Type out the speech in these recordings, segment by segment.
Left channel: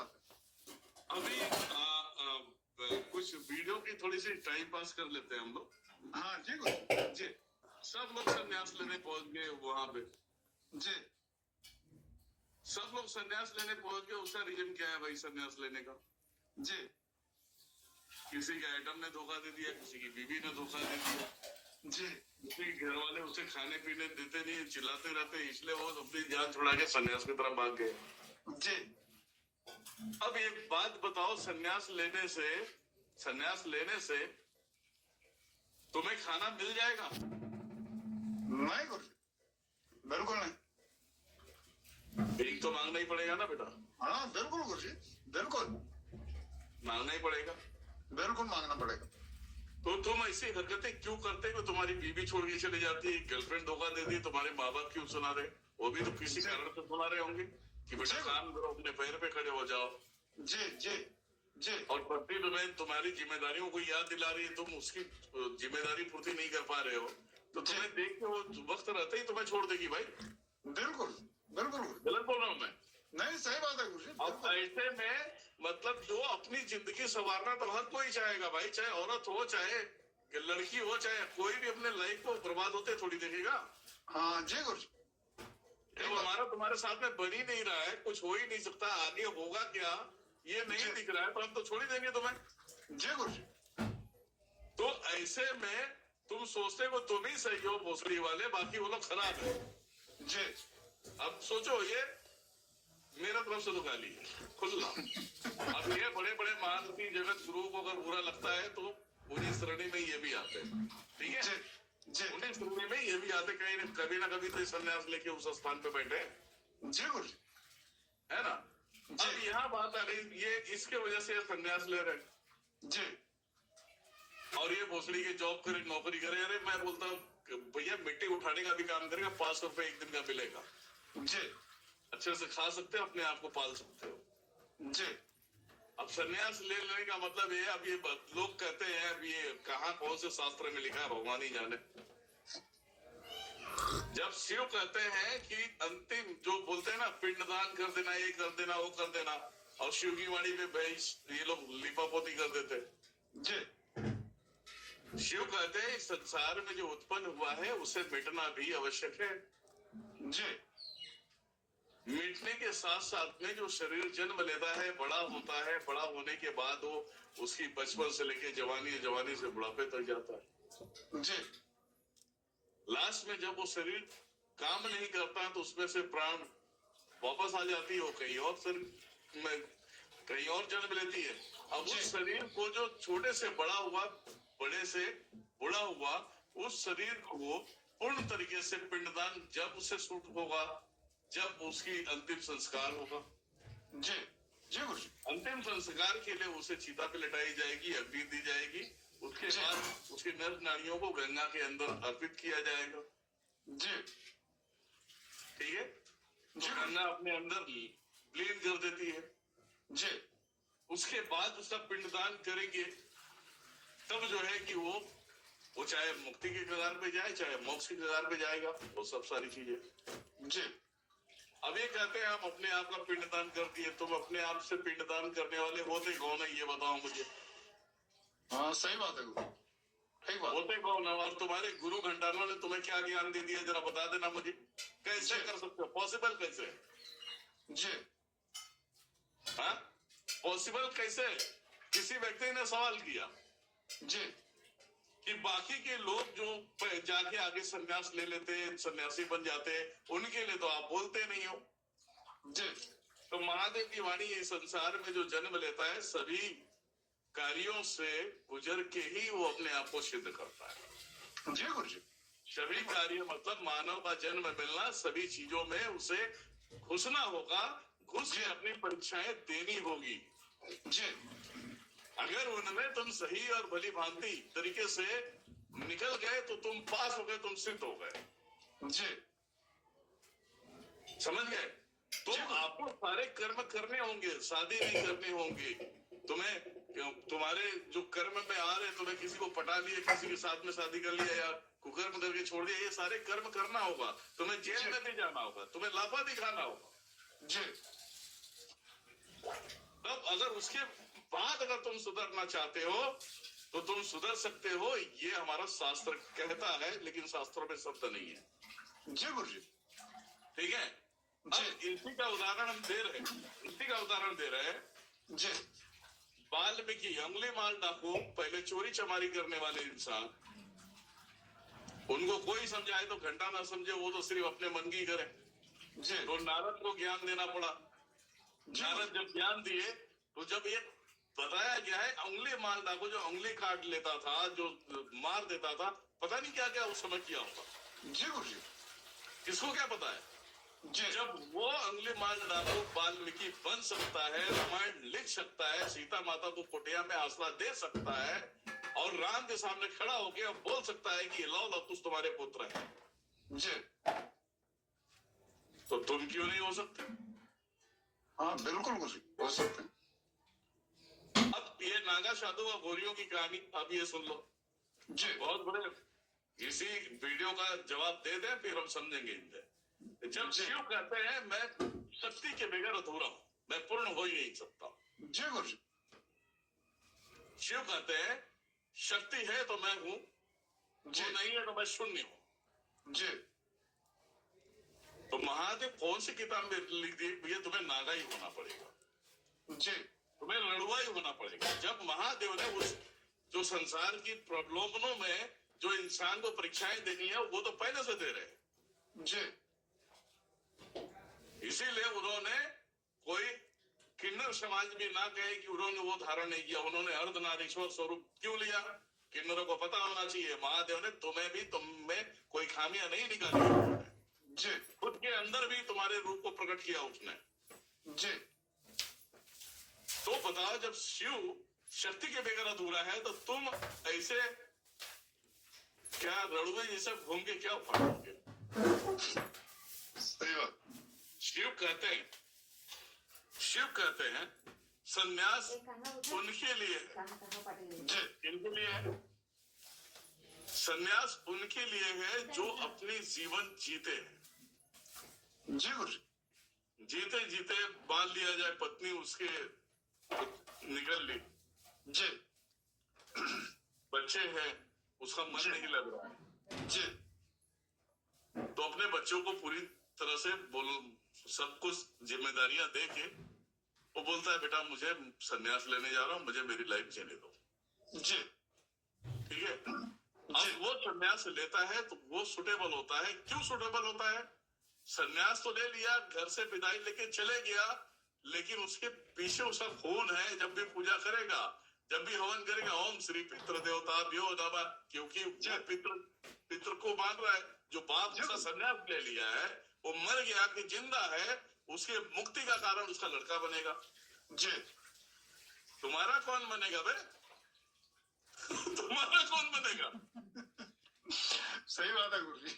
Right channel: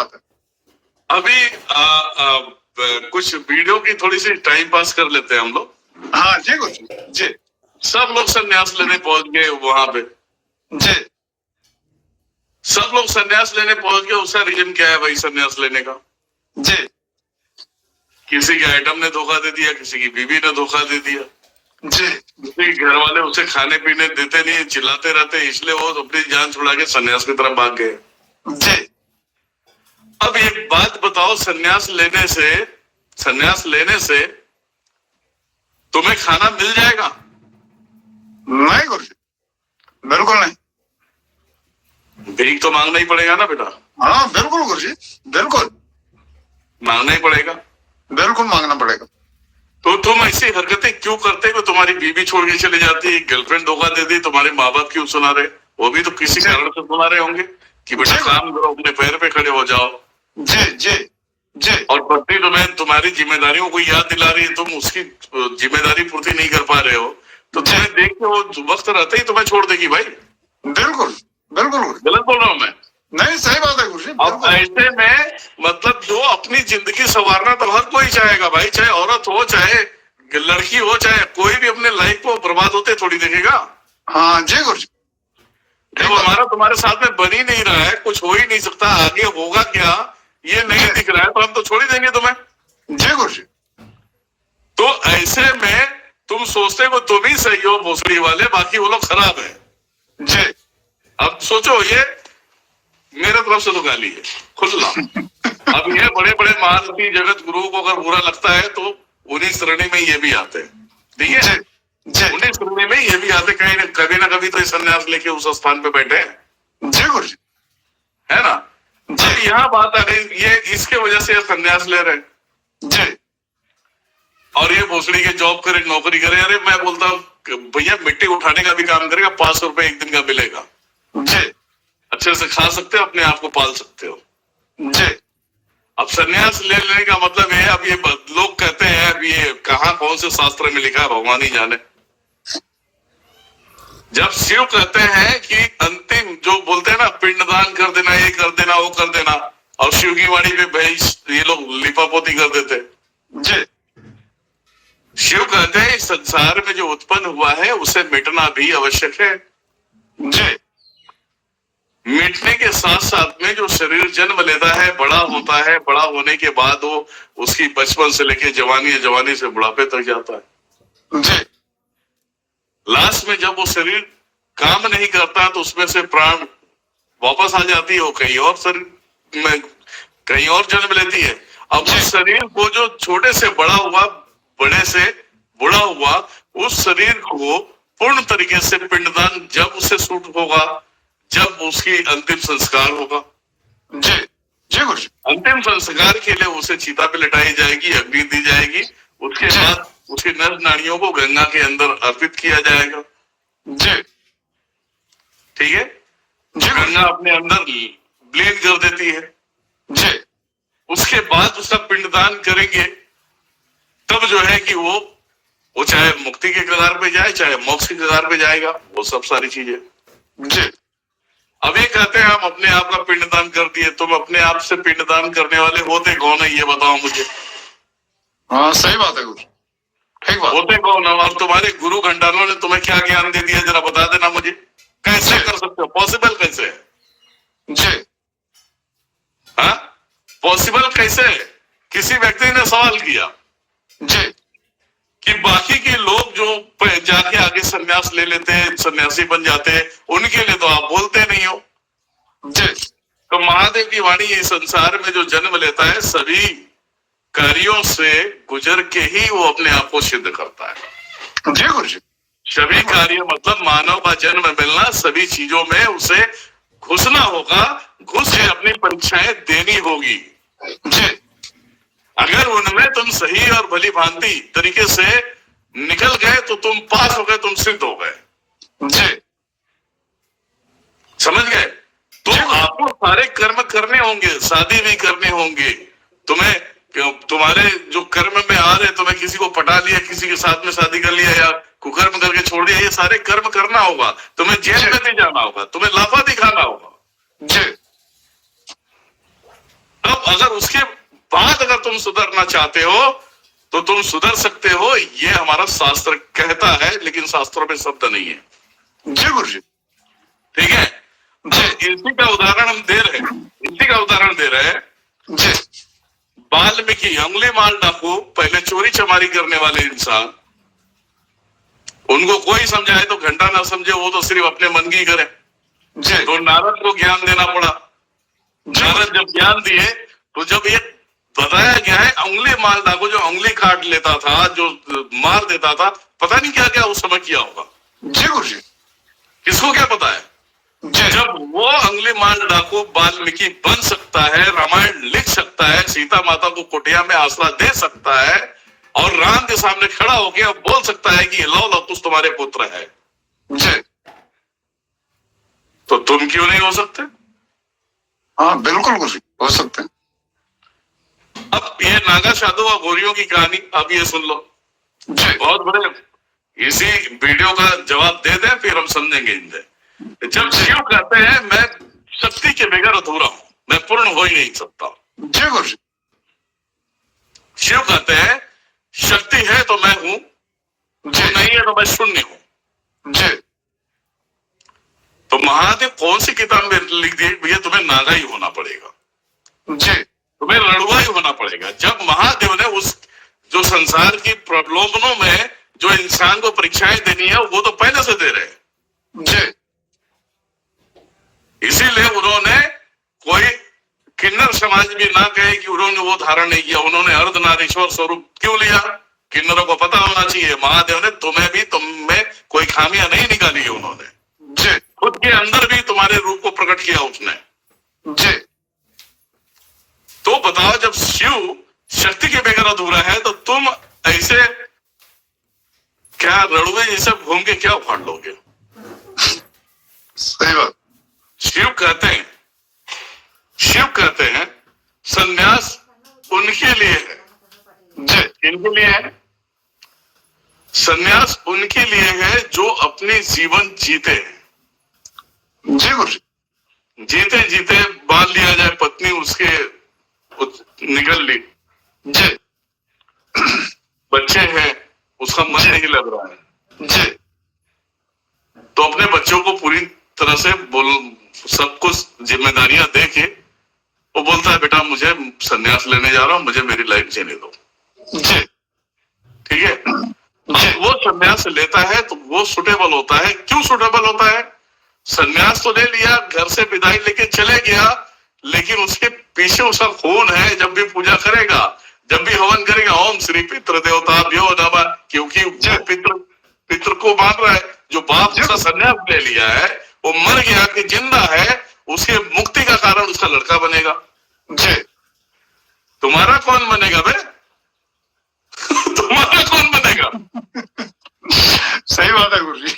बात है। अभी कुछ वीडियो की थोड़ी सी टाइम पास कर लेते हैं हम लोग। हाँ जी गुरु जी। सब लोग संन्यास लेने पहुंच गए वहां पे जी। सब लोग संन्यास लेने पहुंच गए। उसका रीजन क्या है भाई संन्यास लेने का? जी। किसी के आइटम ने धोखा दे दिया, किसी की बीवी ने धोखा दे दिया जी। किसी के घर वाले उसे खाने पीने देते नहीं, चिल्लाते रहते, इसलिए वो अपनी जान छुड़ा के संन्यास की तरफ भाग गए। जी। अब एक बात बताओ, संन्यास लेने से तुम्हें खाना मिल जाएगा? नहीं गुरु जी, बिल्कुल नहीं। भीख तो मांगना ही पड़ेगा ना बेटा। हाँ बिल्कुल गुरु जी, बिल्कुल मांगना ही पड़ेगा। बिल्कुल मांगना पड़ेगा। तो तुम ऐसी हरकतें क्यों करते हो? तुम्हारी बीवी छोड़ के चली जाती है, गर्लफ्रेंड धोखा दे दी, तुम्हारे माँ बाप क्यों सुना रहे? वो भी तो किसी कारण से सुना रहे होंगे कि बेटा काम करो, अपने पैर पे खड़े हो जाओ। जी जी जी। और पत्नी तुम्हें तुम्हारी जिम्मेदारियों को याद दिला रही है, तुम उसकी जिम्मेदारी पूर्ति नहीं कर पा रहे हो, तो तुम्हें देख के वो वक्त रहते ही तुम्हें छोड़ देगी भाई। बिल्कुल बिल्कुल गुरु। गलत बोल रहा हूँ मैं? नहीं सही बात है गुरु जी। अब ऐसे में मतलब जो अपनी जिंदगी संवारना तो हर कोई चाहेगा भाई, चाहे औरत हो, चाहे लड़की हो, चाहे कोई भी अपने लाइफ को बर्बाद होते थोड़ी देखेगा। हाँ जी गुरु जी। जब हमारा तुम्हारे साथ में बन ही नहीं रहा है, कुछ हो ही नहीं सकता, आगे होगा क्या ये नहीं दिख रहा है, तो हम तो छोड़ ही देंगे तुम्हें। जी गुरु जी। तो ऐसे में तुम सोचते हो तुम ही सही हो भोसड़ी वाले, बाकी वो लोग खराब है। जी। अब सोचो, ये मेरे तरफ से तो गाली है खुला। अब ये बड़े बड़े महारथी जगत गुरु को अगर बुरा लगता है तो उन्हीं श्रेणी में ये भी आते हैं, ठीक है? उन्हीं श्रेणी में ये भी आते, कहीं कभी ना कभी तो संन्यास लेके उस स्थान पे बैठे हैं। जी गुरु जी, है ना? जी। यहाँ बात आ गई, ये इसके वजह से संन्यास ले रहे हैं जी। और ये भोसड़ी के जॉब करे, नौकरी करे। अरे मैं बोलता हूँ भैया मिट्टी उठाने का भी काम करेगा, 500 रुपए एक दिन का मिलेगा जी। अच्छे से खा सकते हो, अपने आप को पाल सकते हो जी। अब संन्यास ले लेने का मतलब है, अब ये लोग कहते हैं, अब ये कहाँ कौन से शास्त्र में लिखा है भगवान ही जाने। जब शिव कहते हैं कि अंतिम जो बोलते हैं ना, पिंडदान कर देना, ये कर देना, वो कर देना, और शिव की वाणी पे भाई ये लोग लिपापोती कर देते जी। शिव कहते हैं इस संसार में जो उत्पन्न हुआ है उसे मिटना भी आवश्यक है जी। मिटने के साथ साथ में जो शरीर जन्म लेता है, बड़ा होता है, बड़ा होने के बाद वो उसकी बचपन से लेके जवानी, जवानी से बुढ़ापे तक जाता है जी। लास्ट में जब वो शरीर काम नहीं करता तो उसमें से प्राण वापस आ जाती है, वो कहीं और शरीर में कहीं और जन्म लेती है। अब उस शरीर को जो छोटे से बड़ा हुआ, बड़े से बूढ़ा हुआ, उस शरीर को पूर्ण तरीके से पिंडदान जब उसे सूट होगा, जब उसकी अंतिम संस्कार होगा। जी जी गुरु जी। अंतिम संस्कार के लिए उसे चिता पे लटाई जाएगी, अग्नि दी जाएगी, उसके बाद उसकी नर नाड़ियों को गंगा के अंदर अर्पित किया जाएगा। जी। ठीक है? गंगा अपने अंदर ब्लीड कर देती है जी। उसके बाद उसका पिंडदान करेंगे, तब जो है कि वो चाहे मुक्ति के कगार पे जाए, चाहे मोक्ष के कगार पे जाएगा, वो सब सारी चीजें। जी। अब ये कहते हैं हम अपने आप का पिंडदान कर दिए। तुम अपने आप से पिंडदान करने वाले होते कौन है ये बताओ मुझे। हाँ सही बात है गुरु, ठीक बात। होते कौन है? और तुम्हारे गुरु घंटालों ने तुम्हें क्या ज्ञान दे दिया, जरा बता देना मुझे। कैसे कर सकते हो? पॉसिबल कैसे है? जी। हाँ पॉसिबल कैसे है? किसी व्यक्ति ने सवाल किया जी। कि बाकी के लोग जो जाके आगे संन्यास ले लेते हैं, सन्यासी बन जाते हैं, उनके लिए तो आप बोलते नहीं हो। जी। तो महादेव की वाणी इस संसार में जो जन्म लेता है, सभी कार्यों से गुजर के ही वो अपने आप को सिद्ध करता है। जी गुरु जी। सभी कार्य मतलब मानव का जन्म मिलना, सभी चीजों में उसे घुसना होगा, घुस के अपनी परीक्षाएं देनी होगी। जी। अगर उनमें तुम सही और भली भांति तरीके से निकल गए तो तुम पास हो गए, तुम सिद्ध हो गए। जी। समझ गए? तो आपको सारे कर्म करने होंगे, शादी भी करने होंगे, तुम्हारे जो कर्म में आ रहे, तुम्हें किसी को पटा लिया, किसी के साथ में शादी कर लिया या कुकर्म करके छोड़ दिया, ये सारे कर्म करना होगा। तुम्हें जेल में भी जाना होगा, तुम्हें लाफा दिखाना होगा। जी। अगर उसके बाद अगर तुम सुधरना चाहते हो तो तुम सुधर सकते हो, ये हमारा शास्त्र कहता है, लेकिन शास्त्रों में शब्द नहीं है। जी गुरुजी। ठीक है, इसी का उदाहरण हम दे रहे हैं, इसी का उदाहरण दे रहे हैं जी। वाल्मीकि अंगुली माल डाकू, पहले चोरी चमारी करने वाले इंसान, उनको कोई समझाए तो घंटा ना समझे, वो तो सिर्फ अपने मन की करे। जी। तो नारद को ज्ञान देना पड़ा। नारद जब ज्ञान दिए तो जब ये बताया गया है अंगुली माल डाकू जो अंगुली काट लेता था, जो मार देता था, पता नहीं क्या क्या उस समय किया होगा। जी गुरुजी। किसको क्या पता है? जब वो अंगुली माल डाकू वाल्मीकि बन सकता है, रामायण लिख सकता है, सीता माता को कुटिया में आसरा दे सकता है और राम के सामने खड़ा होकर अब बोल सकता है कि लो लो कुछ तुम्हारे पुत्र है, जी। तो तुम क्यों नहीं हो सकते? हाँ बिल्कुल गुरुजी, हो सकते हैं। अब ये नागा साधु और गोरियों की कहानी अब ये सुन लो। जी। बहुत बड़े, इसी वीडियो का जवाब दे दें फिर हम समझेंगे इनसे। जब शिव कहते हैं मैं शक्ति के बगैर अधूरा हूं, मैं पूर्ण हो ही नहीं सकता। जी गुरुजी। शिव कहते हैं शक्ति है तो मैं हूं, जी। नहीं है तो मैं शून्य हूं। जी। तो महादेव कौन सी किताब में लिख दी भैया तुम्हें नागा ही होना पड़ेगा, जी। तुम्हें लड़ुआ ही होना पड़ेगा। जब महादेव ने उस जो संसार की प्रलोभनों में जो इंसान को परीक्षाएं देनी है वो तो पहले से दे रहे हैं। जी। इसीलिए उन्होंने कोई किन्नर समाज भी ना कहे कि उन्होंने वो धारण नहीं किया, उन्होंने अर्धनारीश्वर स्वरूप क्यों लिया? किन्नरों को पता होना चाहिए महादेव ने तुम्हें भी, तुम में कोई खामियां नहीं निकाली है उन्होंने। जी। खुद के अंदर भी तुम्हारे रूप को प्रकट किया उसने। जी। तो बताओ जब शिव शक्ति के बगैर अधूरा है तो तुम ऐसे क्या रड़ुए जैसे घूम के क्या उखाड़ लोगे? सही बात। शिव कहते हैं संन्यास उनके लिए है। जी। इनके लिए है संन्यास, उनके लिए है जो अपने जीवन जीते हैं। जी गुरुजी। जीते जीते बांध लिया जाए, पत्नी उसके निकल ली, जी। बच्चे हैं, उसका मन नहीं लग रहा है, जी। तो अपने बच्चों को पूरी तरह से सब कुछ जिम्मेदारियां दे के वो बोलता है बेटा मुझे संन्यास लेने जा रहा हूं, मुझे मेरी लाइफ जीने दो। जी। ठीक है, अब वो संन्यास लेता है तो वो सुटेबल होता है। क्यों सुटेबल होता है? संन्यास तो ले लिया, घर से विदाई लेके चले गया, लेकिन उसके पीछे उसका खून है। जब भी पूजा करेगा, जब भी हवन करेगा, ओम श्री पितृ देवताभ्यो नमः, क्योंकि जो पितृ को मान रहा है। जो बाप उसका संन्यास ले लिया है वो मर गया कि जिंदा है, उसके मुक्ति का कारण उसका लड़का बनेगा। जी। तुम्हारा कौन बनेगा बे? तुम्हारा कौन बनेगा? सही बात है गुरुजी।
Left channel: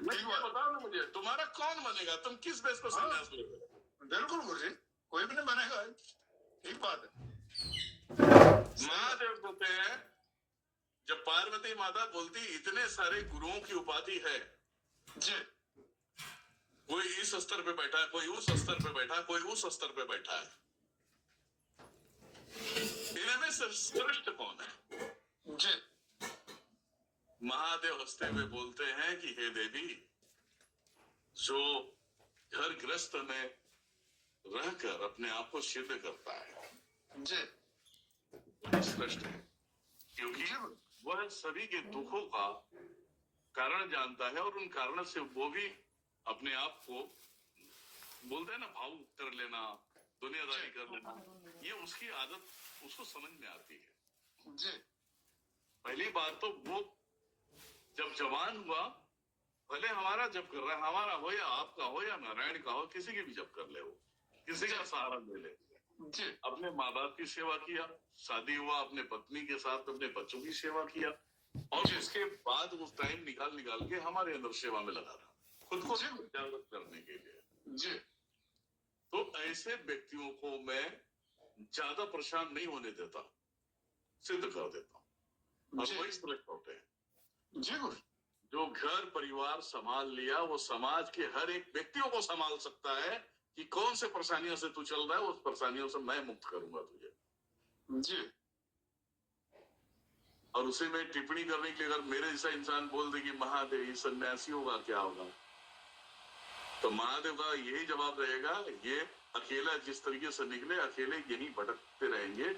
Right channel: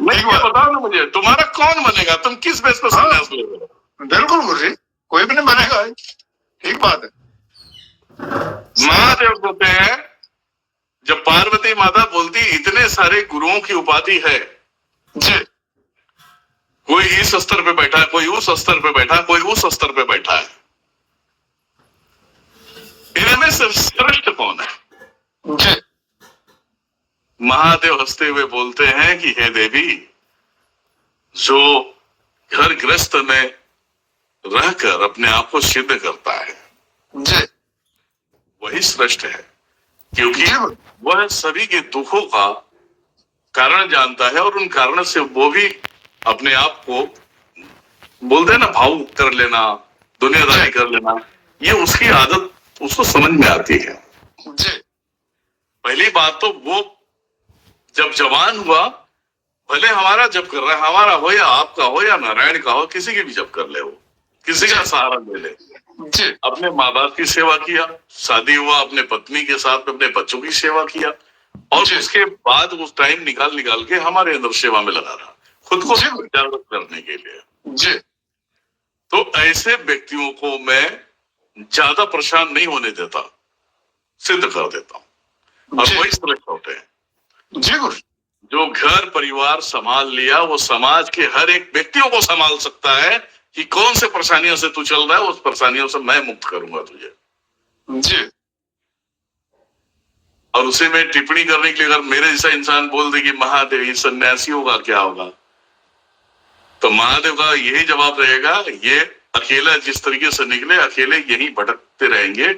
नहीं बताओ ना मुझे, तुम्हारा कौन बनेगा? तुम किस बेस पर संन्यास ले रहे हो? बिल्कुल गुरुजी, कोई भी नहीं बनेगा। ठीक बात है। महादेव कहते हैं जब पार्वती माता बोलती इतने सारे गुरुओं की उपाधि है, जी। कोई इस स्तर पे बैठा है, कोई उस स्तर पे बैठा है, कोई उस स्तर पे बैठा है, इनमें से श्रेष्ठ कौन है? जी। महादेव हंसते हुए बोलते हैं कि हे देवी, जो घर गृहस्थ में रहकर अपने आप को सिद्ध करता है, जी। वही श्रेष्ठ है, क्योंकि वह सभी के दुखों का कारण जानता है और उन कारण से वो भी अपने आप को बोलते हैं ना भावुक कर लेना, दुनियादारी कर लेना, ये उसकी आदत उसको समझ में आती है। जी। पहली बात तो वो जब जवान हुआ, भले हमारा जब कर रहा है, हमारा हो या आपका हो या नारायण का हो, किसी की भी जब कर ले, वो किसी का सहारा ले ले, जी। अपने माँ बाप की सेवा किया, शादी हुआ अपने पत्नी के साथ अपने बच्चों की सेवा किया, और उसके बाद उस टाइम निकाल के हमारे अंदर सेवा में लगा रहा, खुद को जागरूक करने के लिए। जी। तो ऐसे व्यक्तियों को मैं ज्यादा परेशान नहीं होने देता, सिद्ध कर देता हूं, और वही श्रेष्ठ होते हैं। जी गुरु। जो घर परिवार संभाल लिया, वो समाज के हर एक व्यक्तियों को संभाल सकता है, कि कौन से परेशानियों से तू चल रहा है, उस परेशानियों से मैं मुक्त करूंगा तुझे। जी और उसे में टिप्पणी करने के लिए अगर मेरे जैसा इंसान बोल दे कि महादेव ये सन्यासी होगा क्या होगा, तो महादेव का यही जवाब रहेगा, ये अकेला जिस तरीके से निकले अकेले यही भटकते रहेंगे,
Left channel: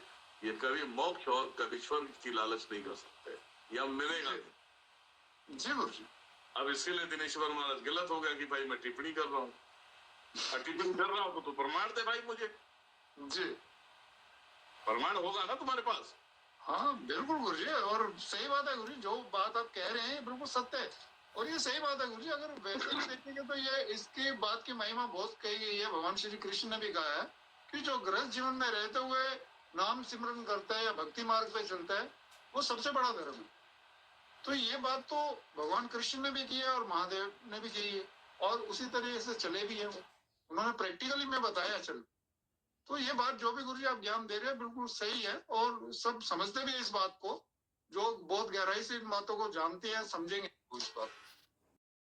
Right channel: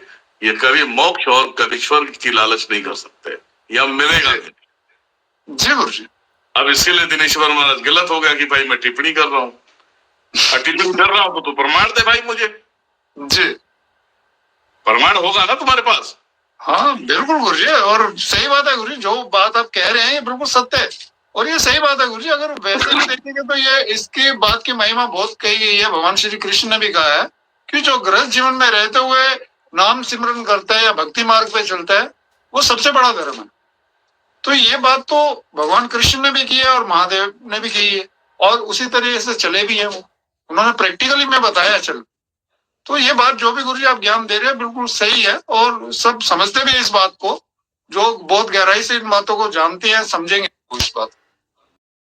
ये कभी मोक्ष और कभी स्वर्ग की लालच नहीं कर सकते, यह मिलेगा नहीं। जी गुरुजी। अब इसके लिए दिनेश्वर महाराज गलत हो गया कि भाई मैं टिप्पणी कर रहा हूँ, और टिप्पणी कर रहा हूँ तो तू प्रमाण दे भाई मुझे। जी प्रमाण होगा ना तुम्हारे पास? हाँ बिल्कुल गुरुजी, और सही बात है गुरुजी, जो बात आप कह रहे हैं ये बिल्कुल सत्य है और ये सही बात है गुरुजी। अगर वैसे भी देखेंगे तो ये इसके बात की महिमा बहुत कही गई है। भगवान श्री कृष्ण ने भी कहा है कि जो गृहस्थ जीवन में रहते हुए नाम सिमरन करता है या भक्ति मार्ग पे चलता है वो सबसे बड़ा धर्म है। तो ये बात तो भगवान कृष्ण ने भी की है और महादेव ने भी की है और उसी तरीके से चले भी है, वो उन्होंने प्रैक्टिकली में बताया चल। तो ये बात जो भी गुरुजी आप ज्ञान दे रहे हैं बिल्कुल सही है और सब समझते भी है इस बात को, जो बहुत गहराई से इन बातों को जानते हैं समझेंगे इस बात को।